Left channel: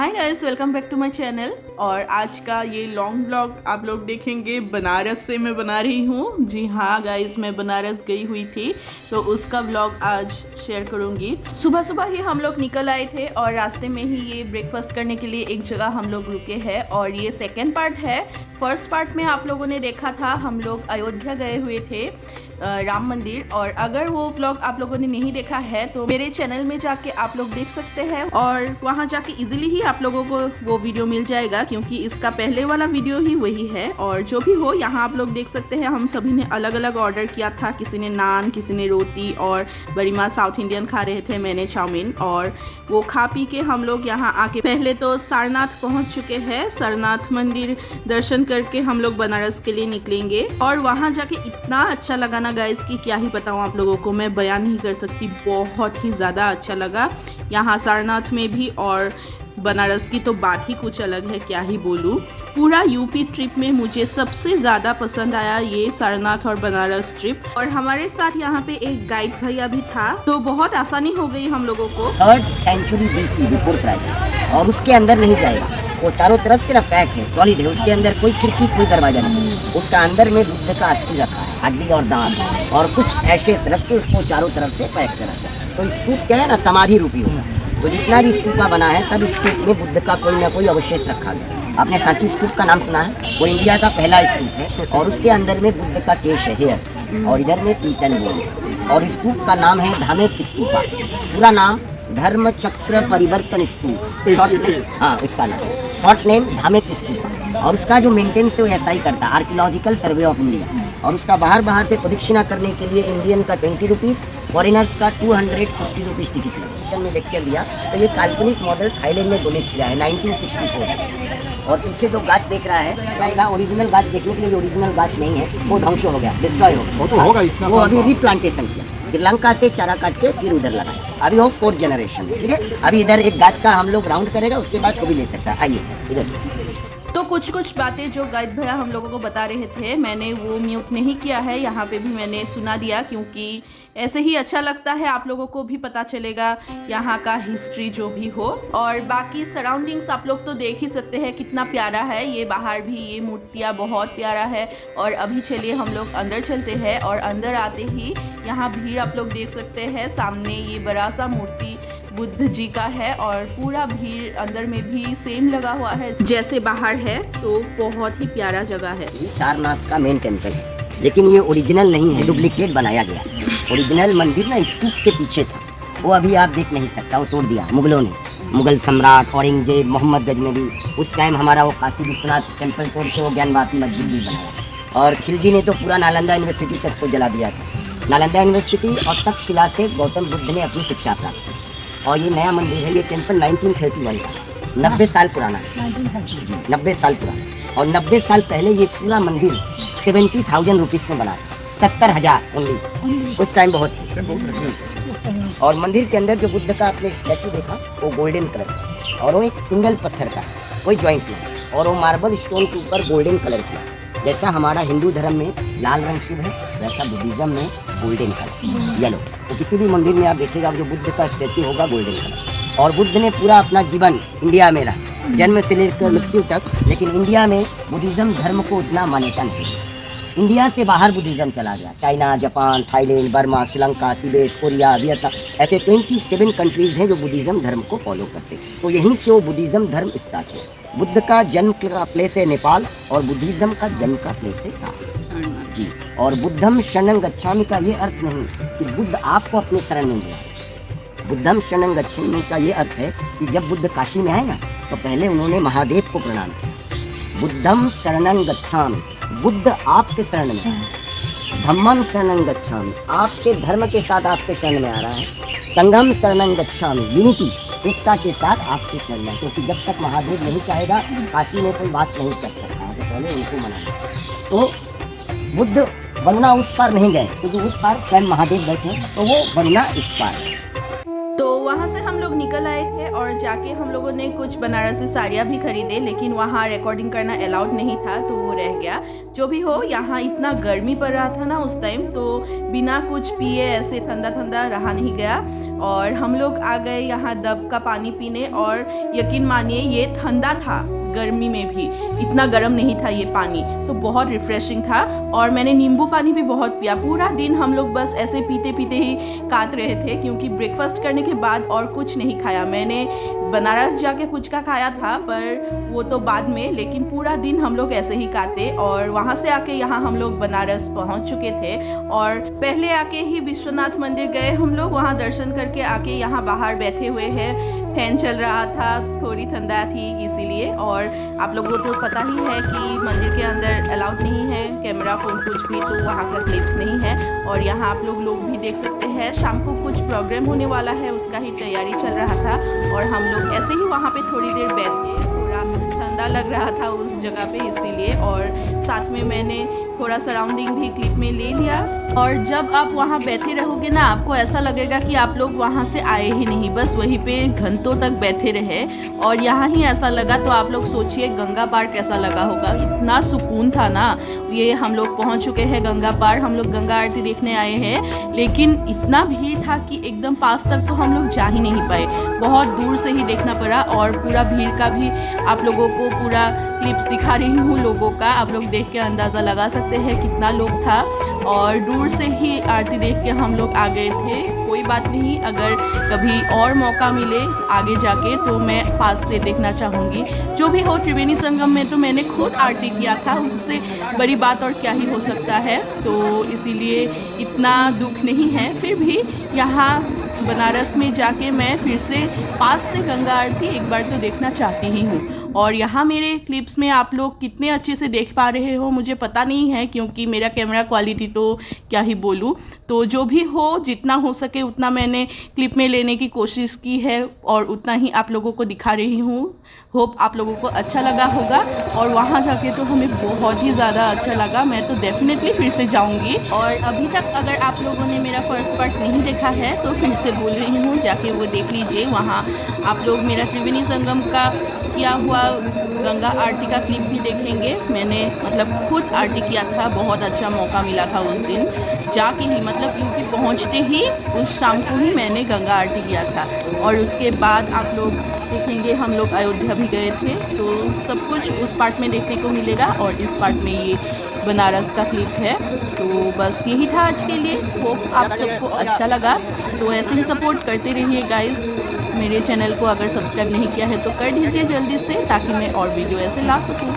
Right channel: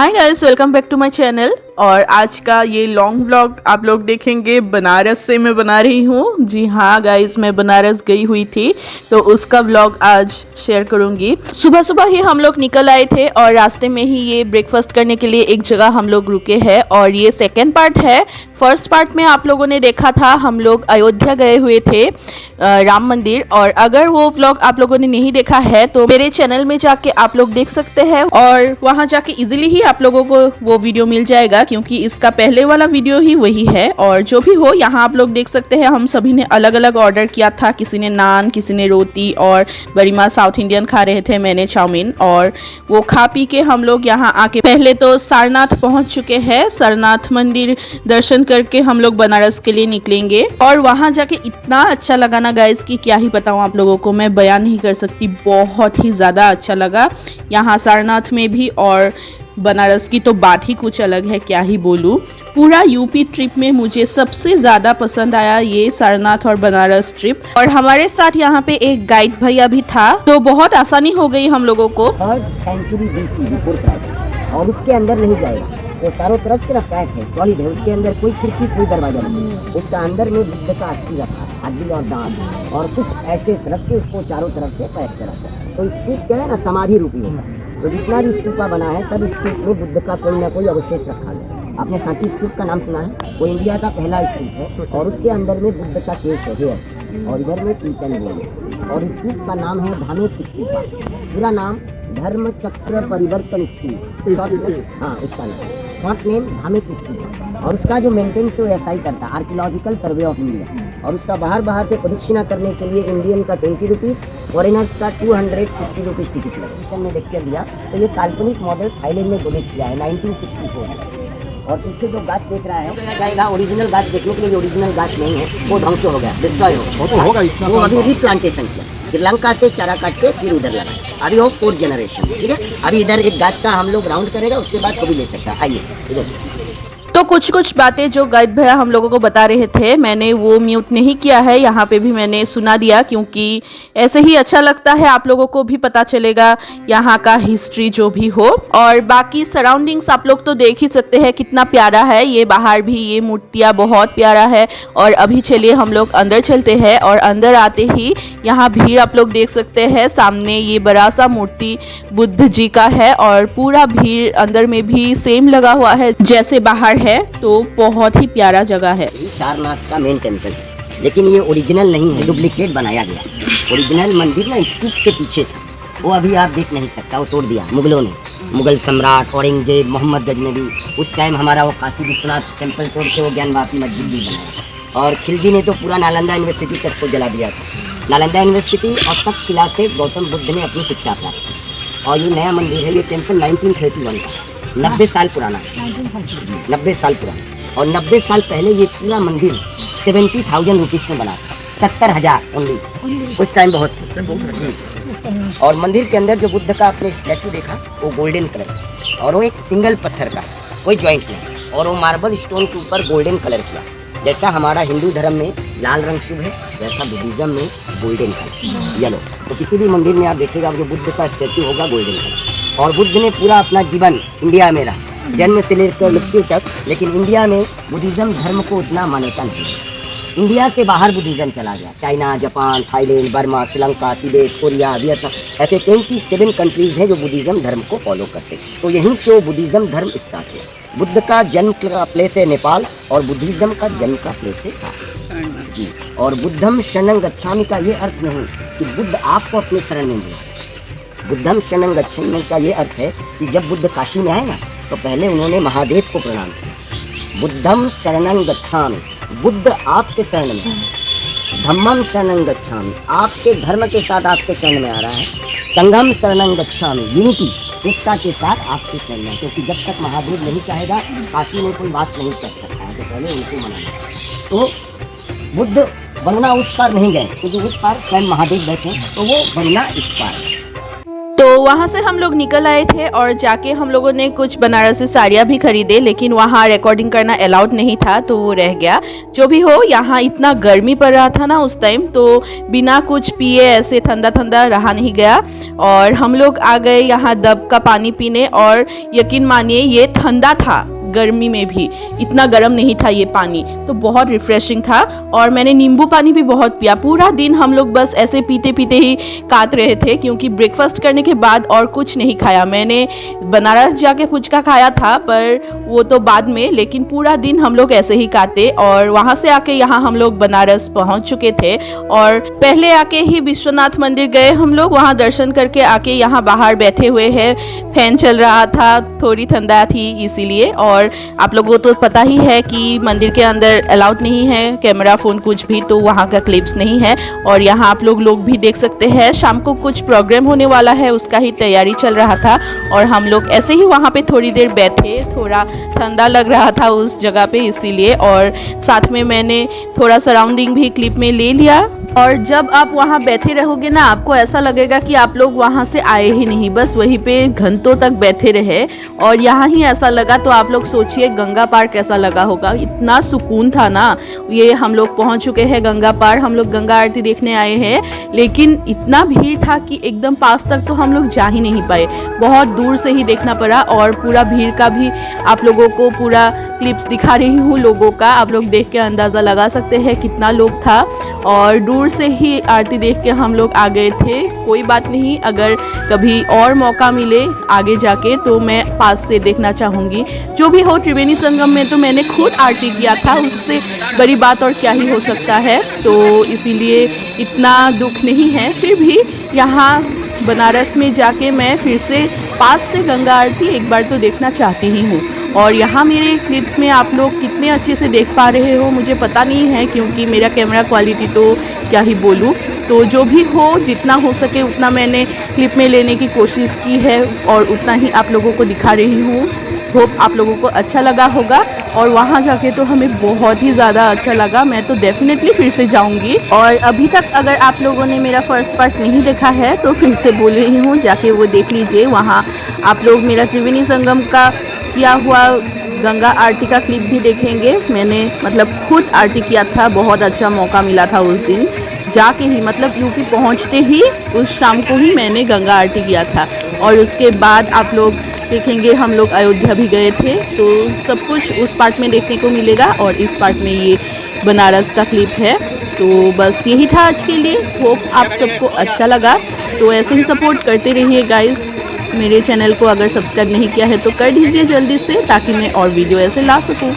Hi guys, welcome back to my channel. और आज का ये लॉन्ग व्लॉग आप लोग देखेंगे बनारस से मैं बना रही हूँ। जी हाँ गाइस, मैं बनारस गई हुई थी तो उसका व्लॉग आज शेयर करूँगी। सुबह सुबह ही हम लोग निकल आए थे और रास्ते में ही ये ब्रेकफास्ट करने के लिए एक जगह हम लोग रुके हैं और ये सेकेंड पार्ट है। फर्स्ट पार्ट में आप लोगों ने देखा था हम लोग अयोध्या गए हुए थे राम मंदिर, और अगर वो व्लॉग आप लोगों ने नहीं देखा है तो मेरे चैनल में जाके आप लोग देख सकते हैं और वहां जाके इजीली ही आप लोगों को वो वीडियो मिल जाएगा क्योंकि इसका पहले वाला वीडियो ही वही है। और जो भी हो, यहाँ आप लोग देख सकते हैं हम सभी ने अलग अलग ऑर्डर किया था। किसी ने नान, किसी ने रोटी और बड़ी माँ साउथ इंडियन खा रहे थे, मैंने चाउमीन। और वो खा पी के हम लोग यहाँ आके पहले तो सारनाथ पहुँच चुके हैं। सारनाथ मंदिर दर्शन करके हम लोग बनारस के लिए निकलेंगे और वहाँ जाके इतना अच्छा लगा ना गाइस कि क्या ही बताऊँ आप लोगों को, मैं बयान नहीं कर सकती। बहुत ही ज़्यादा अच्छा लगा यहाँ सारनाथ में भी, और बनारस की तो बात ही कुछ अलग है, क्या ही बोलूँ। पूरा यूपी ट्रिप में मुझे सबसे ज़्यादा पसंद आया ये सारनाथ और बनारस ट्रिप। और हमारे साथ यहाँ पे एक गाइड भैया भी था तो बहुत आसानी हो गई हम लोगों को। 3rd century BC before Christ, और उसके अंदर नहीं जाएगा। वो चारों तरफ सिर्फ पैक है, सॉलिड है, उसके अंदर कोई खिड़की कोई दरवाजा नहीं। उसका अंदर में बुद्ध का अस्थि रखा है, हड्डी और दांत और कुछ एशेस रख के उसको चारों तरफ से पैक कर रखा है। तो स्तूप क्या है ना, समाधि रूपी होगा। तो जितना भी स्तूपा बना है सब स्तूप में बुद्ध का कोई ना कोई अवशेष रखा गया। आपने सांची स्तूप का नाम सुना है? वो इंडिया का पहला स्तूप है और उसके अंदर में बुद्ध का केश है, हेयर, और इधर में तीतन बोन्स। और स्तूप का नाम है धामेक स्तूपा। पूरा नाम धर्म चक्र परिवर्तन स्तूप, शॉर्ट नेम, हाँ इसका नाम शॉर्ट नेम धामेक स्तूपा। और उसका जो मेंटेनेंस है वो ऐसा ही करता है, आर्कियोलॉजिकल सर्वे ऑफ इंडिया। और उसका बाहर से प्रदक्षिणा करने के लिए इंडियन का 20 रुपीज़, फॉरेनर्स का 250 रुपीज़ टिकट लगा। में देख कर दिया तो ये काल्पनिक मॉडल थाईलैंड में डोनेट किया है 1964 में। और पीछे जो गाछ देख रहा है जाएगा, ओरिजिनल गाछ देखने के लिए ओरिजिनल गाछ नहीं है, वो ध्वंस हो गया, डिस्ट्रॉय हो गया। वो अभी रिप्लांटेशन किया, श्रीलंका से चारा काट के फिर उधर लगा। अभी वो 4th जनरेशन, ठीक है। अभी इधर एक गाछ का हम लोग राउंड करेगा, उसके बाद वो भी ले सकता है। आइए इधर। तो कुछ बातें जो गाइड भैया हम लोगों को बता रहे थे मैंने वो म्यूट नहीं किया है, यहाँ पे भी मैंने सुना दिया क्योंकि ऐसे ही अच्छा लगता है, आप लोगों को भी पता चलेगा यहाँ का हिस्ट्री जो भी हो। और बाकी सराउंडिंग्स आप लोग तो देख ही सकते हैं कितना प्यारा है। ये बाहर भी ये मूर्तियाँ बहुत प्यारा है। और अभी चलिए हम लोग अंदर चलते हैं। और अंदर आते ही यहाँ भीड़ आप लोग देख सकते हैं। सामने ये बड़ा सा मूर्ति बुद्ध जी का है और पूरा भीड़ अंदर में भी सेम लगा हुआ है जैसे बाहर है। तो बहुत ही प्यारा जगह है। सारनाथ का मेन टेम्पल है, लेकिन ये ओरिजिनल नहीं है, डुप्लीकेट बनाया गया। ओरिजिनल मंदिर ना स्तूप के पीछे था, वो अभी आप देख नहीं सकता, वो तोड़ दिया मुगलों ने। मुगल सम्राट औरंगजेब, मोहम्मद गजनबी, उस टाइम हमारा वो काशी विश्वनाथ टेम्पल तोड़ के वो ज्ञानवापी मस्जिद भी बनाया। और खिलजी ने तो पूरा नालंदा यूनिवर्सिटी तक को जला दिया था। नालंदा यूनिवर्सिटी और तक्षशिला से गौतम बुद्ध ने अपनी शिक्षा प्राप्त की। और ये नया मंदिर है, ये टेम्पल 1931 का, 90 साल पुराना, 90 साल पुराना। और 90 साल पहले ये पूरा मंदिर 70,000 रुपीज़ में बना था, 70,000 ओनली, उस टाइम बहुत थी। और मंदिर के अंदर जो बुद्ध का आपने स्टैचू देखा वो गोल्डन कलर का, और वो एक सिंगल पत्थर का, कोई जॉइंट नहीं, और वो मार्बल स्टोन के ऊपर गोल्डन कलर किया। जैसा हमारा हिंदू धर्म में लाल रंग शुभ है, वैसा बुद्धिज्म में गोल्डन कलर, येलो। तो किसी भी मंदिर में आप देखिएगा जो बुद्ध का स्टैचू होगा गोल्डन कलर। और बुद्ध ने पूरा अपना जीवन इंडिया में रहा, जन्म से लेकर मृत्यु तक, लेकिन इंडिया में बुद्धिज्म धर्म को उतना मान्यता नहीं। इंडिया से बाहर बुद्धिज्म चला गया, China, Japan, Thailand, Burma, Sri Lanka, Tibet, Korea, Vietnam, ऐसे 27 कंट्रीज हैं जो बुद्धिज्म धर्म को फॉलो करते हैं। तो यहीं से वो बुद्धिज्म धर्म स्टार्ट है। बुद्ध का जन्म का प्लेस है नेपाल और बुद्धिज्म का जन्म का प्लेस है साथ जी। और बुद्धम शरणं गच्छामि का ये अर्थ नहीं कि बुद्ध आपको अपने शरण में लिया। बुद्धम शरणं गच्छामि का ये अर्थ है कि जब बुद्ध काशी में आए ना तो पहले उन्होंने महादेव को प्रणाम किया। बुद्धम शरणं गच्छामि, बुद्ध आपके शरण में। धम्मम शरणं गच्छामि, आपके धर्म के साथ आपके शरण में आ रहा है। संघम शरणं गच्छामि, यूनिटी, एकता के साथ आपके शरण में, क्योंकि जब तक महादेव नहीं चाहेगा काशी में कोई वास नहीं कर सकता है, तो पहले उनको मनाना। तो बुद्ध वरुणा उस पार नहीं गए, क्योंकि उस पार स्वयं महादेव बैठे, तो वो वरुणा इस पार। तो वहाँ से हम लोग निकल आए थे और जाके हम लोगों ने कुछ बनारसी साड़ियाँ भी खरीदे, लेकिन वहाँ रिकॉर्डिंग करना अलाउड नहीं था तो वो रह गया। जो भी हो, यहाँ इतना गर्मी पड़ रहा था ना उस टाइम, तो बिना कुछ पिए ऐसे ठंडा ठंडा रहा नहीं गया और हम लोग आ गए यहाँ दब का पानी पीने। और यकीन मानिए ये ठंडा था, गर्मी में भी इतना गर्म नहीं था ये पानी, तो बहुत रिफ्रेशिंग था। और मैंने नींबू पानी भी बहुत पिया। पूरा दिन हम लोग बस ऐसे पीते पीते ही काट रहे थे, क्योंकि ब्रेकफास्ट करने के बाद और कुछ नहीं खाया। मैंने बनारस जाके फुचका खाया था पर वो तो बाद में, लेकिन पूरा दिन हम लोग ऐसे ही काटे। और वहाँ से आके यहाँ हम लोग बनारस पहुँच चुके थे और पहले आके ही विश्वनाथ मंदिर गए हम लोग। वहाँ दर्शन करके आके यहाँ बाहर बैठे हुए हैं, फैन चल रहा था, थोड़ी ठंडा थी इसीलिए। और आप लोगों को तो पता ही है कि मंदिर के अंदर अलाउड नहीं है कैमरा फोन कुछ भी, तो वहाँ का क्लिप्स नहीं है। और यहाँ आप लोग भी देख सकते हैं, शाम को कुछ प्रोग्राम होने वाला है, उसका ही तैयारी चल रहा था। और हम लोग ऐसे ही वहाँ पे थोड़ी देर बैठे, थोड़ा ठंडा लग रहा था उस जगह पे इसीलिए। और साथ में मैंने थोड़ा सराउंडिंग भी क्लिप में ले लिया। और जब आप वहाँ बैठे रहोगे ना, आपको ऐसा लगेगा कि आप लोग वहाँ से आए ही नहीं, बस वहीं पे घंटों तक बैठे रहे। और यहाँ ही ऐसा लगा, तो आप लोग सोचिए गंगा पार कैसा लगा होगा। इतना सुकून था ना। ये हम लोग पहुँच चुके हैं गंगा पार, हम लोग गंगा आरती देखने आए हैं, लेकिन इतना भीड़ था कि एकदम पास तक तो हम लोग जा ही नहीं पाए, बहुत दूर से ही देखना पड़ा। और पूरा भीड़ का भी आप लोगों को पूरा क्लिप्स दिखा रही हूँ लोगों का, आप लोग देख के अंदाज़ा लगा सकते हैं कितना लोग था। और दूर से ही आरती देख के हम लोग आ गए थे। कोई बात नहीं, अगर कभी और मौका मिले आगे जाके तो मैं पास से देखना चाहूँगी। जो भी हो, त्रिवेणी संगम में तो मैंने खुद आरती किया था, उससे बड़ी बात और क्या ही हो सकता है। तो इसीलिए इतना दुख नहीं है। फिर भी यहाँ बनारस में जाके मैं फिर से पास से गंगा आरती एक बार तो देखना चाहती ही हूँ। और यहाँ मेरे क्लिप्स में आप लोग कितने अच्छे से देख पा रहे हो मुझे पता नहीं है, क्योंकि मेरा कैमरा क्वालिटी तो क्या ही बोलूँ। तो जो भी हो, जितना हो सके उतना मैंने क्लिप में लेने की कोशिश की है और उतना ही आप लोगों को दिखा रही हूँ। होप आप लोगों को अच्छा लगा होगा। और वहाँ जाके तो हमें बहुत ही ज़्यादा अच्छा लगा, मैं तो डेफिनेटली फिर से जाऊँगी। और अभी तक अगर आप लोगों ने मेरा फर्स्ट पार्ट नहीं देखा है तो फिर से बोल रही हूँ, जाके वो देख लीजिए। वहाँ आप लोग मेरा त्रिवेणी संगम का किया हुआ गंगा आरती का क्लिप भी देखेंगे। मैंने मतलब खुद आरती किया था, बहुत अच्छा मौका मिला था उस दिन जाके ही, मतलब यूपी पहुंचते ही उस शाम को ही मैंने गंगा आरती किया था। और उसके बाद आप लोग देखेंगे हम लोग अयोध्या भी गए थे, तो सब कुछ उस पार्ट में देखने को मिलेगा। और इस पार्ट में ये बनारस का क्लिप है। तो बस यही था आज के लिए। होप आप सबको अच्छा लगा, तो ऐसे ही सपोर्ट करते रहिए गाइस। मेरे चैनल को अगर सब्सक्राइब नहीं किया है तो कर दीजिए जल्दी से, ताकि मैं और वीडियो ऐसे ला सकूं।